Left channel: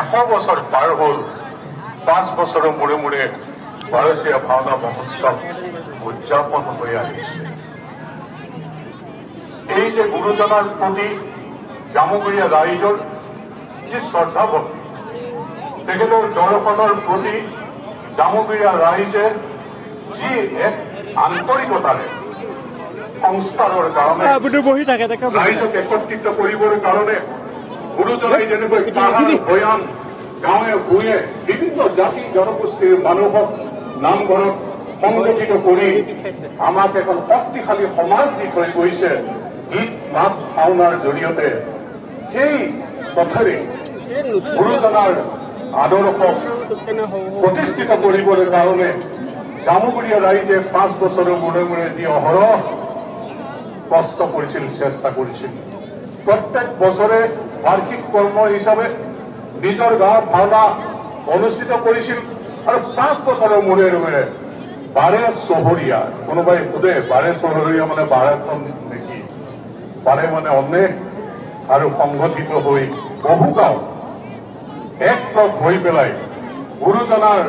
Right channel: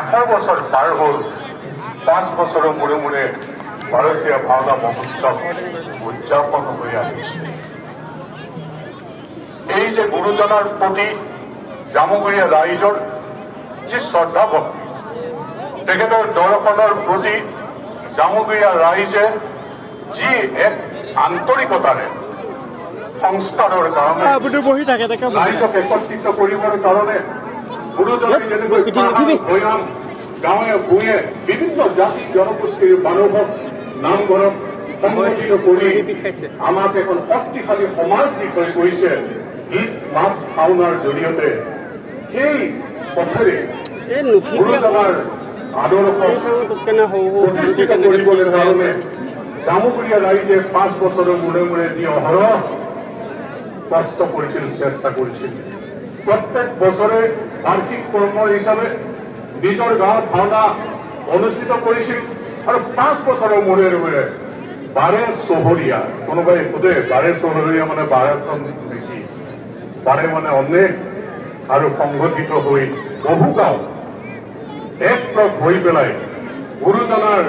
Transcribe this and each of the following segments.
100 বছৰ পাৰ হ'ল 5 বছৰৰ মূৰে মূৰে ভাৰতীয় ভাওনা মহোৎসৱ উদযাপন হৈ আহিছে এই যে গুৰুজনাৰ প্ৰতি জামুগুৰিয়া ৰাইজৰ যি শ্ৰদ্ধা ভক্তি তেখেতৰ দৰ্শনৰ প্ৰতি জামুগুৰিয়া ৰাইজে যি এক আন্তৰিকতাৰে সংস্কাৰৰ কাৰণে ৰাইজক একত্ৰিত কৰিবৰ কাৰণে গুৰুজনাই যেনেকৈ ভৈৰাম গাঁৱে ভূঞে বিভিন্ন জাতি জনগোষ্ঠীৰ মানুহক নামঘৰত সংগঠিত কৰি আমাক এখন শক্তিশালী সমাজ দি হৈ গৈছে গীত মাত ভাওনাৰ জৰিয়তে সেই পথেৰে গুৰুজনাৰ আদৰ্শক প্ৰতিষ্ঠিত কৰিবলৈ কাৰণে জামুগুৰিয়া ৰাইজে 5 বছৰৰ মূৰে মূৰে যি অহৰহ কষ্ট কৰিছিল চেষ্টা কৰিছিল প্ৰত্যেক বছৰে বাৰ্ষিক কৰ্ম হিচাপে নিজৰ গাঁৱত ভাওনা অনুষ্ঠিত কৰিছিল আৰু 5 বছৰৰ মূৰে মূৰে 12 চহৰীয়া কোনোবাই সোধে 12 চহৰীয়া মানে 12খন নেকি 12 মানে অনেক আৰু সংগঠিত হৈ বহু গাঁও একলগ হৈ পেলাই গুৰুজনাৰ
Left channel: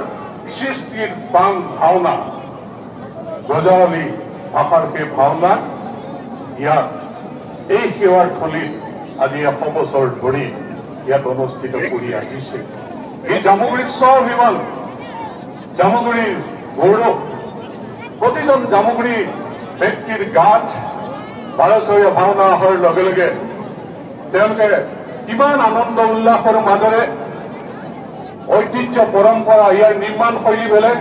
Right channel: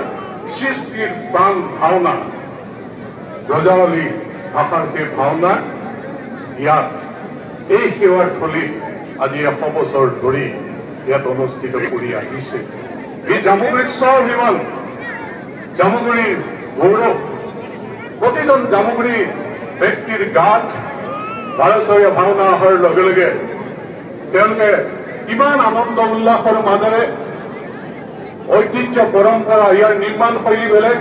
সৃষ্টিৰ প্ৰাণ ভাওনা ব্ৰজাৱলী ভাষাৰ সেই ভাওনা ইয়াত এই সেৱাৰ থলীত আজি 100 বছৰ ধৰি ইয়াত অনুষ্ঠিত কৰি আহিছে এই জামুগুৰিৰ স্বাভিমান জামুগুৰিৰ গৌৰৱ প্ৰতিজন জামুগুৰি ব্যক্তিৰ গাত 12 ভাওনা হোৱাৰ লগে লগে তেওঁলোকে কিমান আনন্দ উল্লাসৰ মাজেৰে ঐতিহ্য পৰম্পৰা ইয়াৰ নিৰ্মাণ শৈলী বেলেগ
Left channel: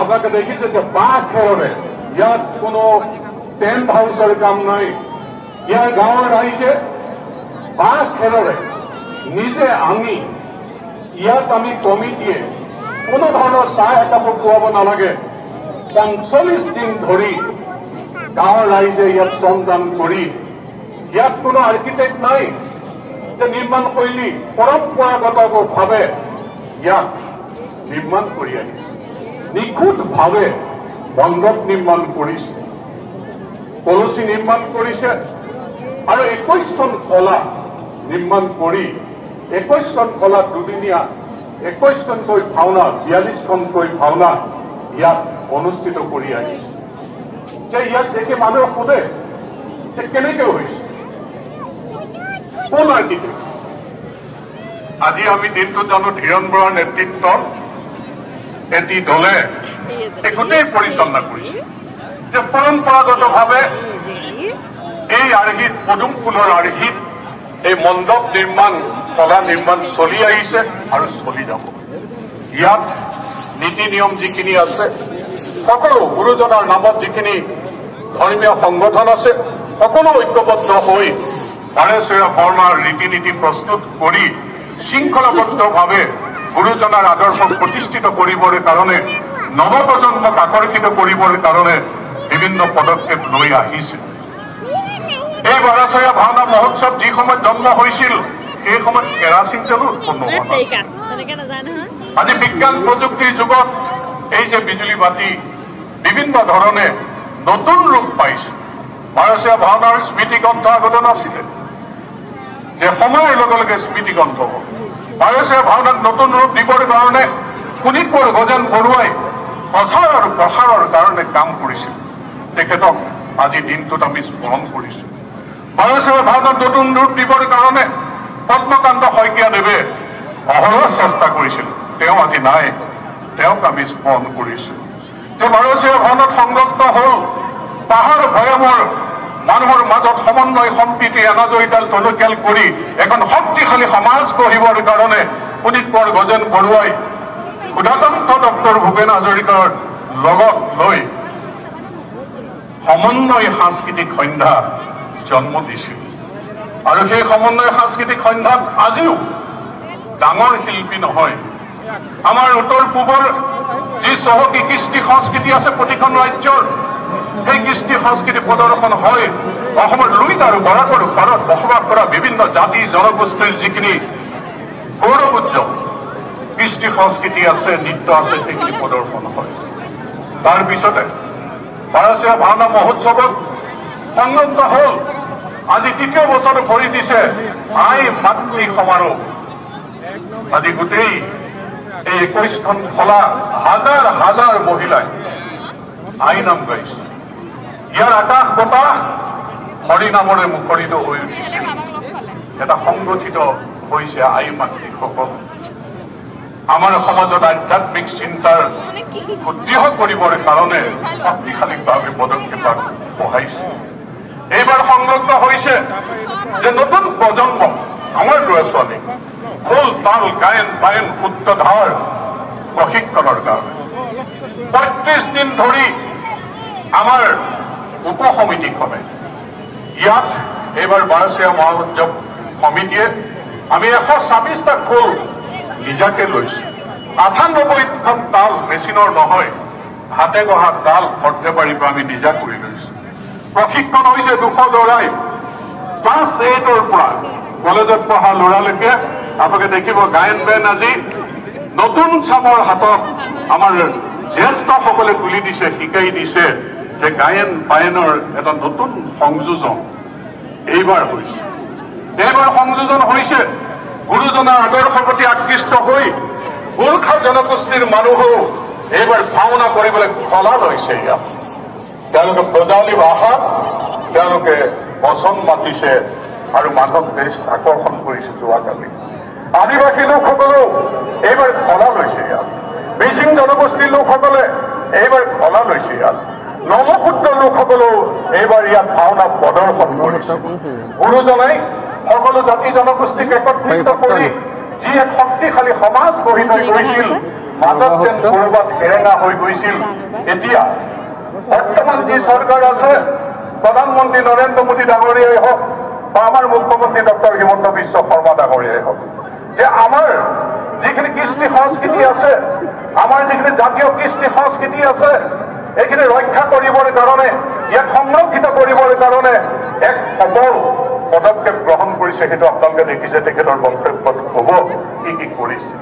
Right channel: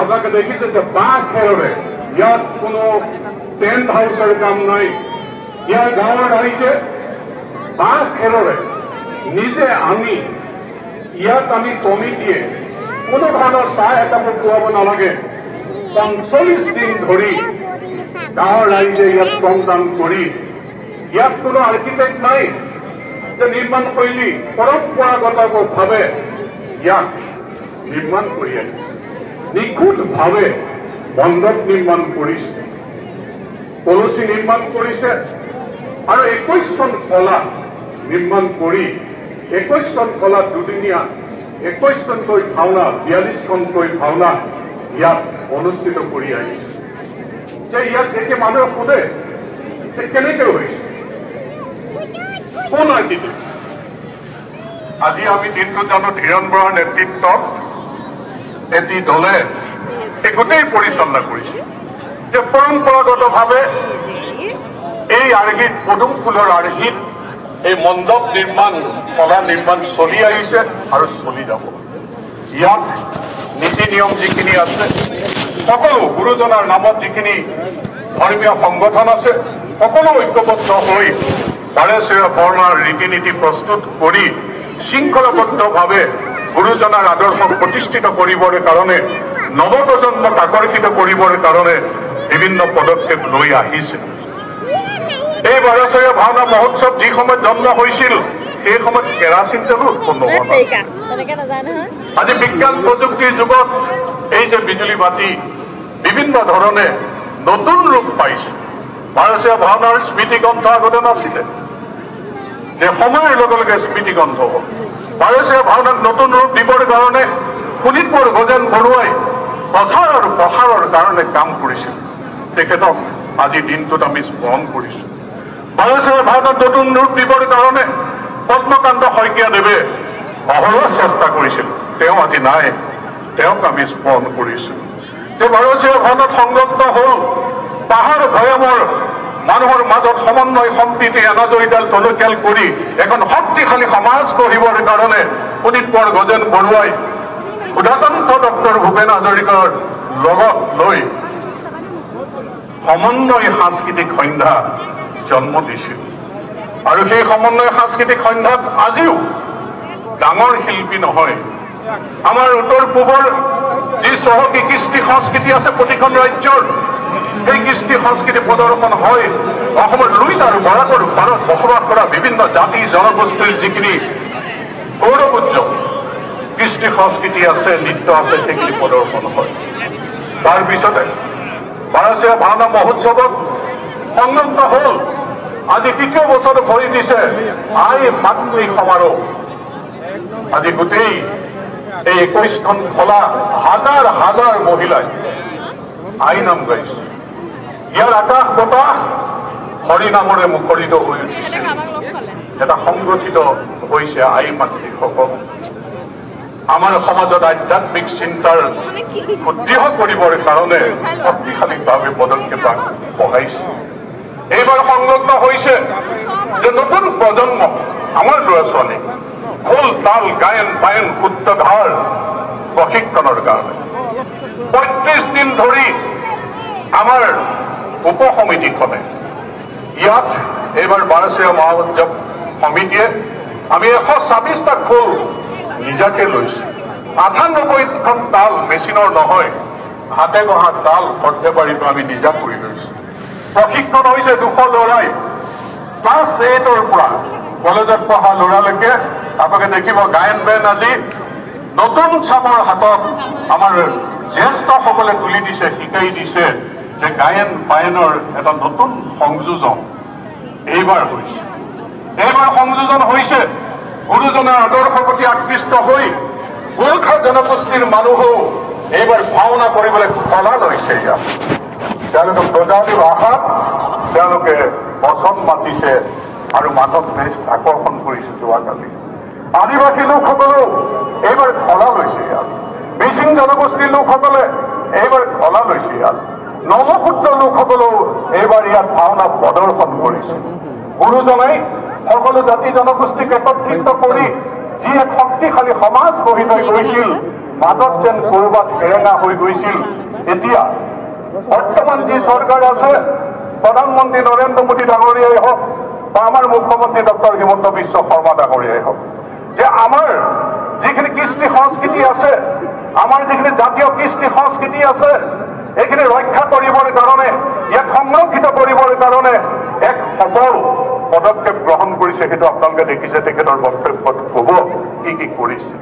আপোনালোকে দেখিছে যে বাঁহ খেৰেৰে ইয়াত কোনো টেণ্ট হাউচৰ কাম নাই ইয়াৰ গাঁৱৰ ৰাইজে বাঁহ খেৰেৰে নিজে আনি ইয়াত আমি কমিটিয়ে কোনো ধৰণৰ চাহ একাপো খুৱাব নালাগে 45 দিন ধৰি গাঁৱৰ ৰাইজে ইয়াত শ্ৰমদান কৰি ইয়াত কোনো আৰ্কিটেক্ট নাই যে নিৰ্মাণ শৈলী পৰম্পৰাগতভাৱে ইয়াক নিৰ্মাণ কৰি আহিছে নিখুঁতভাৱে মণ্ডপ নিৰ্মাণ কৰিছে কলচী নিৰ্মাণ কৰিছে আৰু 21খন কলা নিৰ্মাণ কৰি 21খন কলা দুদিনীয়া 21খনকৈ ভাওনা 42খনকৈ ভাওনা ইয়াত অনুষ্ঠিত কৰি আহিছে যে ইয়াত দেখি মানুহে সোধে যে কেনেকৈ হৈছে কোন আৰ্কিটেক্ট আজি আমি দিনটোত আমি ধীৰেন বৰাৰ নেতৃত্বত এটি দলে এই গোটেই পৰিচালনা কৰিছে যে পৰম্পৰাগতভাৱে এই আৰ্হিত পদুম ফুলৰ আৰ্হিত এই মণ্ডপ নিৰ্মাণ কলা নিৰ্মাণ চলি আহিছে আৰু চলি যাব ইয়াত নীতি নিয়ম যিখিনি আছে সকলো গুৰুজনাৰ নামত যিখিনি ধৰ্মীয় সংগঠন আছে সকলো ঐক্যবদ্ধ হৈ 12 বৰ্মাৰ ৰীতি নীতি প্ৰস্তুত কৰি শৃংখলাবদ্ধভাৱে গুৰুজনাৰ আদৰ্শক প্ৰতিষ্ঠিত কৰিবৰ কাৰণে নৱপ্ৰজন্মক আকৰ্ষিত কৰিবৰ কাৰণে বিভিন্ন পদক্ষেপ লৈ আহিছে এই 12 ভাওনা মহোৎসৱ যি সময়ত জন্ম হৈছিল সেই সময়ত কেৰাচিন তেলো উৎপন্ন আজি বিজ্ঞান প্ৰযুক্তিৰ যুগত এই যে বিজুলী বাতি বিভিন্ন ধৰণে নতুন ৰূপ পাইছে 12 ভাওনাৰ স্মৃতিগ্ৰন্থ আগতে নাছিলে যে সময়ৰ লগে লগে স্মৃতিগ্ৰন্থ হ'ল 12 ভাওনাক নতুন ৰূপ দিবৰ কাৰণে শোণিতপুৰ গজেন বৰুৱাই প্ৰচাৰ আৰু প্ৰসাৰৰ কাৰণে কাম কৰিছিল তেখেতক আজি দিনটোত আমি স্মৰণ কৰিছোঁ 12 ভাওনাক নতুন ৰূপ দিবৰ কাৰণে পদ্মকান্ত শইকীয়াদেৱে অহৰহ চেষ্টা কৰিছিল তেওঁ আজি নাই তেওঁক আমি স্মৰণ কৰিছোঁ যে 12 ভাওনাত সংলগ্ন হ'ল পাহাৰ ভৈয়ামৰ মানুহৰ মাজত সমন্বয় সম্প্ৰীতি এনাজৰীডাল টনকিয়াল কৰি এখন শক্তিশালী সমাজ গঢ়িবৰ কাৰণে শোণিতপুৰ গজেন বৰুৱাই উদাতন্ত ডক্টৰ ভূপেন হাজৰিকাৰ লগত লৈ সমন্বয় সাংস্কৃতিক সন্ধ্যা জন্ম দিছিল আৰু সেই সমন্বয় সাংস্কৃতিক সন্ধ্যাত আজিও ডাঙৰ শিল্পী নহয় আমাৰ উত্তৰ পূবৰ যি চহকী কৃষ্টি সংস্কৃতি আছে প্ৰতিখন ৰাজ্যৰ এই কৃষ্টি সংস্কৃতি প্ৰদৰ্শন হয় অসমৰ লুইত আৰু ভাৰতৰ ভাৰত বসবাস কৰা বিভিন্ন জাতি জনগোষ্ঠীৰ যিখিনি গৌৰৱোজ্জ্বল কৃষ্টি সংস্কৃতি আছে নৃত্য আছে সেইখিনি প্ৰদৰ্শন হয় তাৰপিছতে 12 ভাওনা মহোৎসৱত সংলগ্ন হ'ল আজি তৃতীয় বছৰ ভৰি দিছে আই মাতৃ সমাৰোহ আজি গোটেই এই 21খন খোলা হাজাৰ হাজাৰ মহিলাই আইন গাইছে। ইয়াৰ আকাশ বতাহ হৰিনামৰে মুখৰিত হৈ উঠিছে। এটা সংগঠিত হৈছে আইন মাতৃসকল। আমাৰ সমাজত আধ্যাত্মিক চিন্তাৰ সুদৃঢ় কৰিবৰ কাৰণে শক্তিশালীভাৱে পদক্ষেপ বঢ়াইছে। এইবাৰ সংলগ্ন হৈছে যে নতুন প্ৰজন্ম আমাৰ ল'ৰা ছোৱালী খোল তাল গায়ন বায়ন সূত্ৰধাৰ প্ৰশিক্ষণৰ কাৰণে ৩৫ দিন ধৰি আমাৰ উপ সমিতিখনে ইয়াত এইবাৰ 12 মহোৎসৱ সমিতিয়ে আমি 126টা খোল নিজাকে লৈছো। 98খন তাল মেচিনৰ নহয়, হাতে গঢ়া তাল সৰ্থেবাৰীৰ পৰা আমি নিজা কৰি লৈছো। প্ৰশিক্ষণ হৈছে 200 ল'ৰাই ক্লাছ 8ৰ পৰা কলেজত পঢ়া ল'ৰালৈকে। আপোনালোকে দেখিব গায়ন বায়ন আজি নতুন চামৰ হাতত আমাৰ জ্যেষ্ঠসকলে তুলি দিছে, শিকাই দিছে যে গায়ন বায়নৰ এটা নতুন সংযোজন এইবাৰ হৈছে। এইবাৰ সংযোজন হৈছে গুৰুজনাৰ আদৰ্শৰ প্ৰতি আকৃষ্ট হৈ গোৰ্খা জনগোষ্ঠীৰ মানুহেও এইবাৰ ভাওনা কৰিবলৈ কলা লৈছে। ইয়াত তেওঁলোকে ব্ৰজাৱলী ভাষাত তেওঁলোকে বচন মাতিছে আৰু মানৱ দেশ আকৰ্ষণ কৰিছে। যোৱাকালি আদিবাসী লোকসকলেও এইবাৰ কলা লৈছে। ইয়াত মিচিং জনগোষ্ঠীৰ লোকসকলে এইবাৰ কলা লৈছে। ইয়াত নৱসূত্ৰ লোকসকলেও এইবাৰ ইয়াত ভাওনা প্ৰদৰ্শন কৰিছে। গুৰুজনাই সকলো জাতি জনগোষ্ঠীক একত্ৰিত কৰি যি এক শক্তিশালী সমাজ গঢ়ি থৈ গৈছিল, মাজত যেন কৰবাত হেৰেঙা হৈ গৈছিল, এতিয়া বৰ্তমান যি চৰকাৰ আছে, প্ৰধানমন্ত্ৰী নৰেন্দ্ৰ মোদী ডাঙৰীয়াই হওক বা আমাৰ মুখ্যমন্ত্ৰী ডক্টৰ হিমন্ত বিশ্ব শৰ্মা ডাঙৰীয়াই হওক, যে আমাৰ যিখিনি কৃষ্টি সংস্কৃতি আছে, আমাৰ যিখিনি জাতীয় কৃষ্টি সংস্কৃতি আছে, এইখিনি ৰক্ষা কৰিবৰ কাৰণে, ইয়াক সংৰক্ষিত কৰিবৰ কাৰণে এক সবল পদক্ষেপ গ্ৰহণ কৰিছে। সেইটো আপোনালোকে দেখিছে তেখেতৰ বক্তব্যত হব কি কি কৰিছে।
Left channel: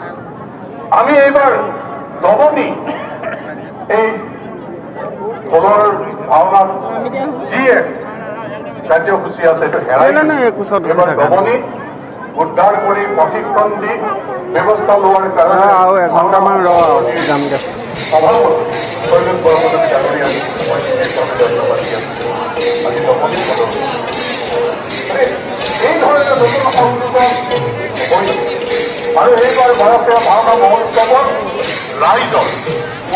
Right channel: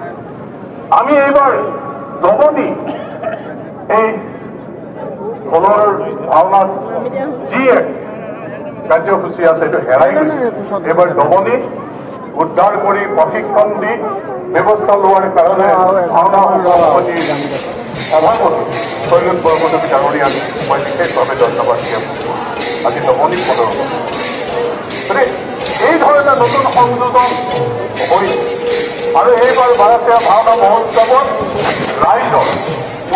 আমি এইবাৰ দমনি এই খোলৰ ভাওনাত যি এক কাৰ্যসূচী আছে সেইটো হেৰাই এইবাৰ দমনি উদ্ধাৰ কৰি প্ৰশিক্ষণ দি ব্যৱস্থা লোৱাৰ কাৰণে ভাওনা সভাপতি শৈলেন বৰপদবী ডাঙৰীয়াক মই বিশেষভাৱে ধন্যবাদ দিয়াছো। আজি দমনি প্ৰদৰ্শন এই ধৰণে নতুন সংযোজন হৈ আৰু এইবাৰ ভাৰতীয় ভাওনা মহোৎসৱত ৰাইজৰ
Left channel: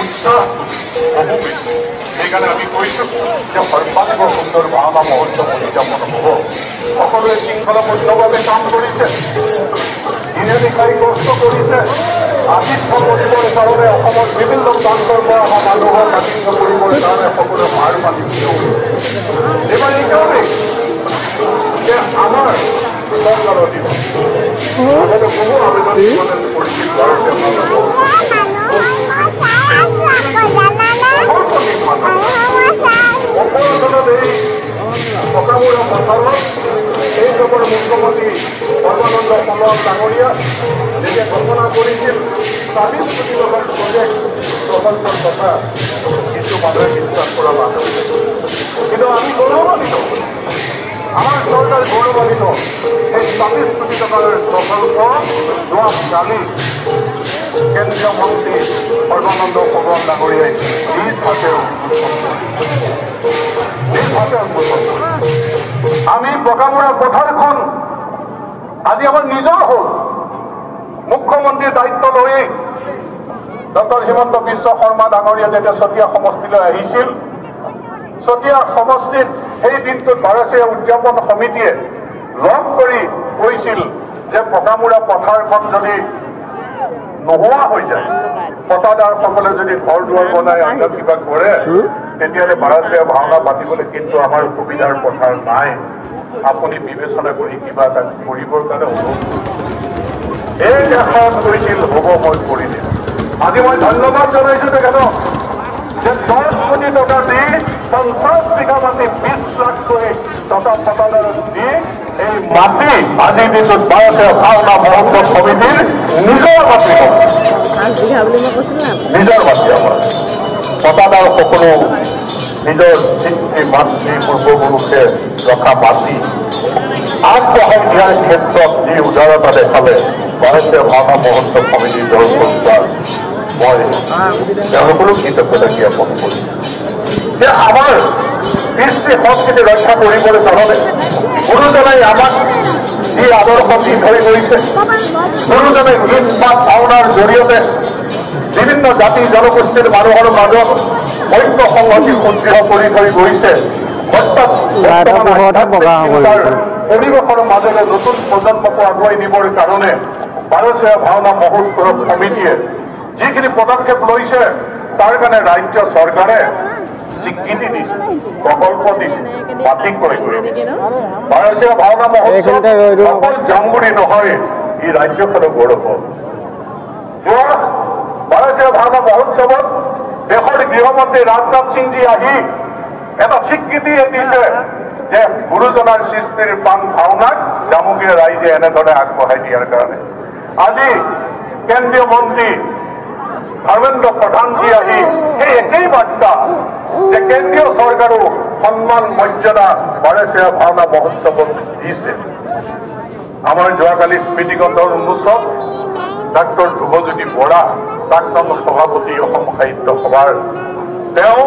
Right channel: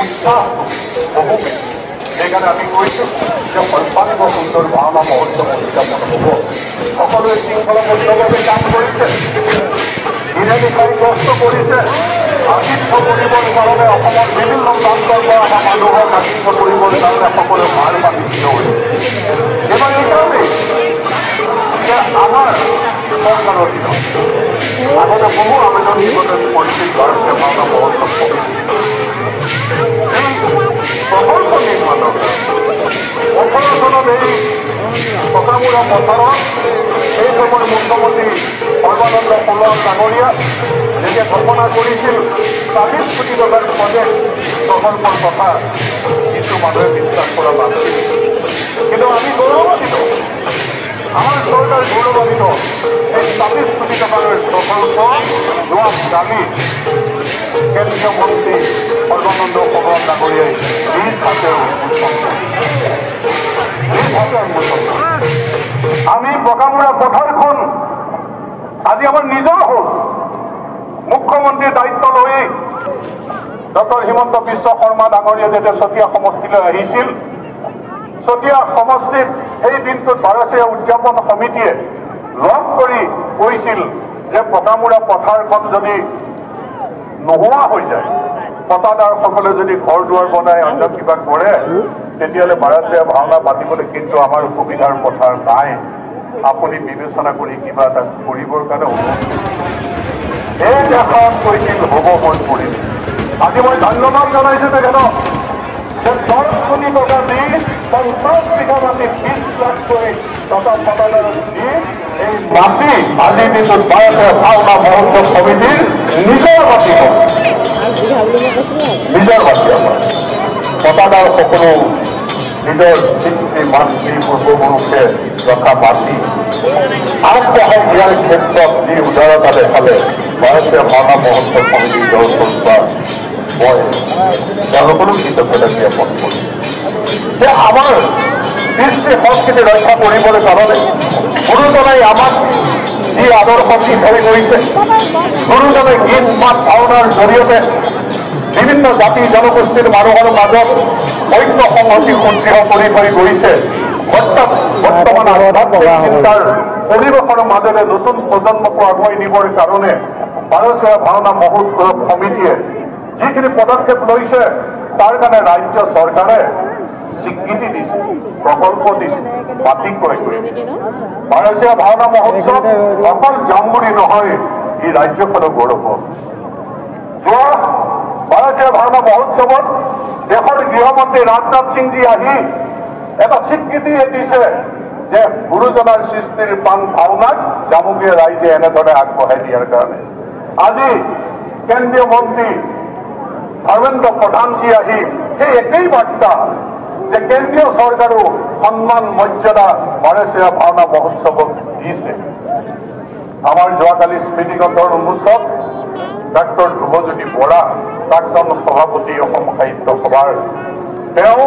উৎসাহটো বহু বেছি। সেইকাৰণে আমি কৈছোঁ যে সৰ্বাংগ সুন্দৰ ভাওনা মহোৎসৱ উদযাপন হ'ব। সকলোৱে শৃংখলাবদ্ধভাৱে কাম কৰিছে, দিনে নিশাই কষ্ট কৰিছে। আতিথ্য কৰিবৰ কাৰণে অসমৰ বিভিন্ন প্ৰান্তৰ পৰা অহা মানুহক আতিথ্য কৰিবৰ কাৰণে সকলোৱে মাৰ পাতি থিয় হৈছে। এইবাৰ এইকাৰণেই যে আমাৰ চৰকাৰৰ দিনত আগতে বহু আবেদন দিবলৈ পৰিছিল ভাৰতীয় ভাওনা মহোৎসৱ নিৰ্মাণৰ 18 চনত এই পকামুৰা পথাৰত এই সময় মুখ্যমন্ত্ৰী সৰ্বানন্দ সোণোৱাল ডাঙৰীয়া যেতিয়া ঘোষণা কৰিছিল 40 কোটি টকাৰ প্ৰজেক্ট প্ৰকল্পৰ কথা, কিছু মানুহে বিশ্বাস কৰা নাছিল। কিন্তু আমি গৌৰৱান্বিত, আমাৰ চৰকাৰ গৌৰৱান্বিত। এই 40 কোটি টকাৰ প্ৰকল্প যোৱা কালি কেন্দ্ৰীয় মন্ত্ৰী সৰ্বানন্দ সোণোৱাল ডাঙৰীয়াই নিজ হাতে উন্মোচন আমি পকামুৰা পথাৰখন আজি আমাৰ নিজৰ হ'ল। মুখ্যমন্ত্ৰীৰ দায়িত্ব লৈ ডক্টৰ হিমন্ত বিশ্ব শৰ্মা ডাঙৰীয়া যেতিয়া চতিয়া সমষ্টিলৈ আহিছিল, চতিয়া সমষ্টিত সেই দিনটোত ভাৰতীয় উদযাপন সমিতিয়ে লগ কৰি কৈছিল যে পকামুৰা পথাৰখন যদি নোহোৱা হৈ যায়, পতাদাৰসকলে যদি ঘৰ দুৱাৰ বনাই অন্য কিবা কৰে, তেতিয়াহ'লে ভাৰতীয় ভাওনা পাতিবলৈ কিন্তু আমাৰ সুবিধাৰ পথাৰ নাই। আপুনি বিবেচনা কৰি কিবা এটা কৰিবৰ কাৰণে অনুৰোধ এই দেশত কৈছিল হ'ব, মই কৰিম। আজি মই ধন্যবাদ জনাইছো তেখেতক যে 10 কোটি টকা দি 50 বিঘা মাটি 20 লাখকৈ টকা পতাদাৰত দি এই মাটি আজিৰ দিনটোত ভাৰতীয় ভাওনা মহোৎসৱ সমিতিৰ নিজৰ মাটি হ'ল, নিজৰ মাটি আমাৰ পতাদাৰ সকলো নিজৰ পিতৃ মাতৃ পূৰ্বপুৰুষে ৰখা মাটি আগবঢ়াই দিয়াৰ ক্ষেত্ৰত যি উদাৰতা দেখালে ভাৰতীয় ভাওনা মহোৎসৱ সমিতিৰ দলটোৰ মই তেওঁলোকৰো কৃতজ্ঞতা জ্ঞাপন কৰিছোঁ যে আমাৰ কৃষ্টি সংস্কৃতি ৰক্ষা কৰিবলৈ জাননে গুৰুজনাই আমাক যি আদৰ্শ দি ধৰি কৰিছে গুৰুজনাই গীত মাত ভাওনাৰ জৰিয়তে বিভিন্ন জাতি জনগোষ্ঠীৰ মানুহৰ মাজত ঐক্য সংহতি সুদৃঢ় কৰি থৈ গৈছে বৰ্তমান আধ্যাত্মিক চিন্তাৰ পৰিৱেশৰ মাজেৰে নতুন প্ৰজন্মকো আগুৱাই নিবৰ কাৰণে ভাৰতীয় ভাওনা মহোৎসৱ সমিতিয়ে যিখিনি পদক্ষেপ লৈছে তাৰ কাৰণে ৰাজ্য চৰকাৰে স্বীকৃতি দিছে প্ৰকল্প দিছে বাতিল কৰি দিছে ভাৰতীয় ভাওনা মহোৎসৱ অকল জামগুৰি নহয় ই ৰাজ্যখনৰ গৌৰৱ যোৱা ভাৰতীয় ভাওনা মহোৎসৱত দেশৰ গৃহমন্ত্ৰী ৰাজনাথ সিংজী আহি এটা স্বীকৃতি দিছে যে গুৰুজনাৰ সৃষ্টিৰ প্ৰাণ ভাওনাক জামুগীয়া ৰাইজে এনেদৰে আগবঢ়াই দিয়াৰ কাৰণে আজি কেন্দ্ৰীয় মন্ত্ৰী ধৰ্মেন্দ্ৰ প্ৰধানজী আহি সেই একেই বাৰ্তা যে কেন্দ্ৰীয় চৰকাৰো সন্মান মৰ্যাদা ভাৰতীয় ভাওনা মহোৎসৱত দিছে আমাৰ যোৱাকালি স্মৃতিগ্ৰন্থৰ উন্মোচক ডাক্তৰ ধ্ৰুৱজ্যোতি বৰা প্ৰাক্তন সভাপতি অসম সাহিত্য সভাৰ তেওঁ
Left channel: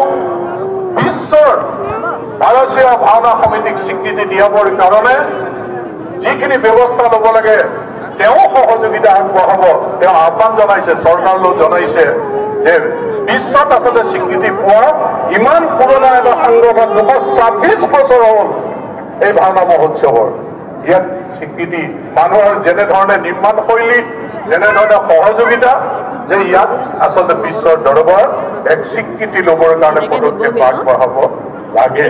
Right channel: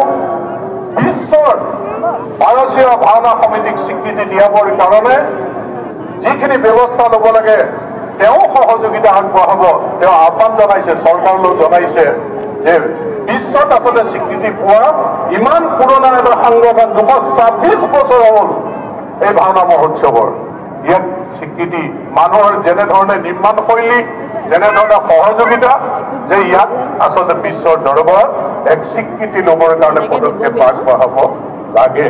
বিশ্বৰ ভাৰতীয় ভাওনা সমিতিক স্বীকৃতি দিয়াবৰ কাৰণে যিখিনি ব্যৱস্থা ল'ব লাগে তেওঁ সহযোগিতা আগবঢ়াব তেওঁ আহ্বান জনাইছে চৰকাৰলৈ জনাইছে যে বিশ্বত আচলতে স্বীকৃতি পোৱা ইমান পুৰণা এটা সংগঠন ২২৬ বছৰ হ'ল এই ভাওনা মহোৎসৱৰ ইয়াত স্বীকৃতি মানুহৰ যেনেধৰণে নিৰ্মাণ শৈলী যেনেধৰণে সহযোগিতা যে ইয়াত আচলতে বিশ্বৰ দৰবাৰত এক স্বীকৃতি ল'বৰ কাৰণে পদক্ষেপ আগবঢ়াব লাগে।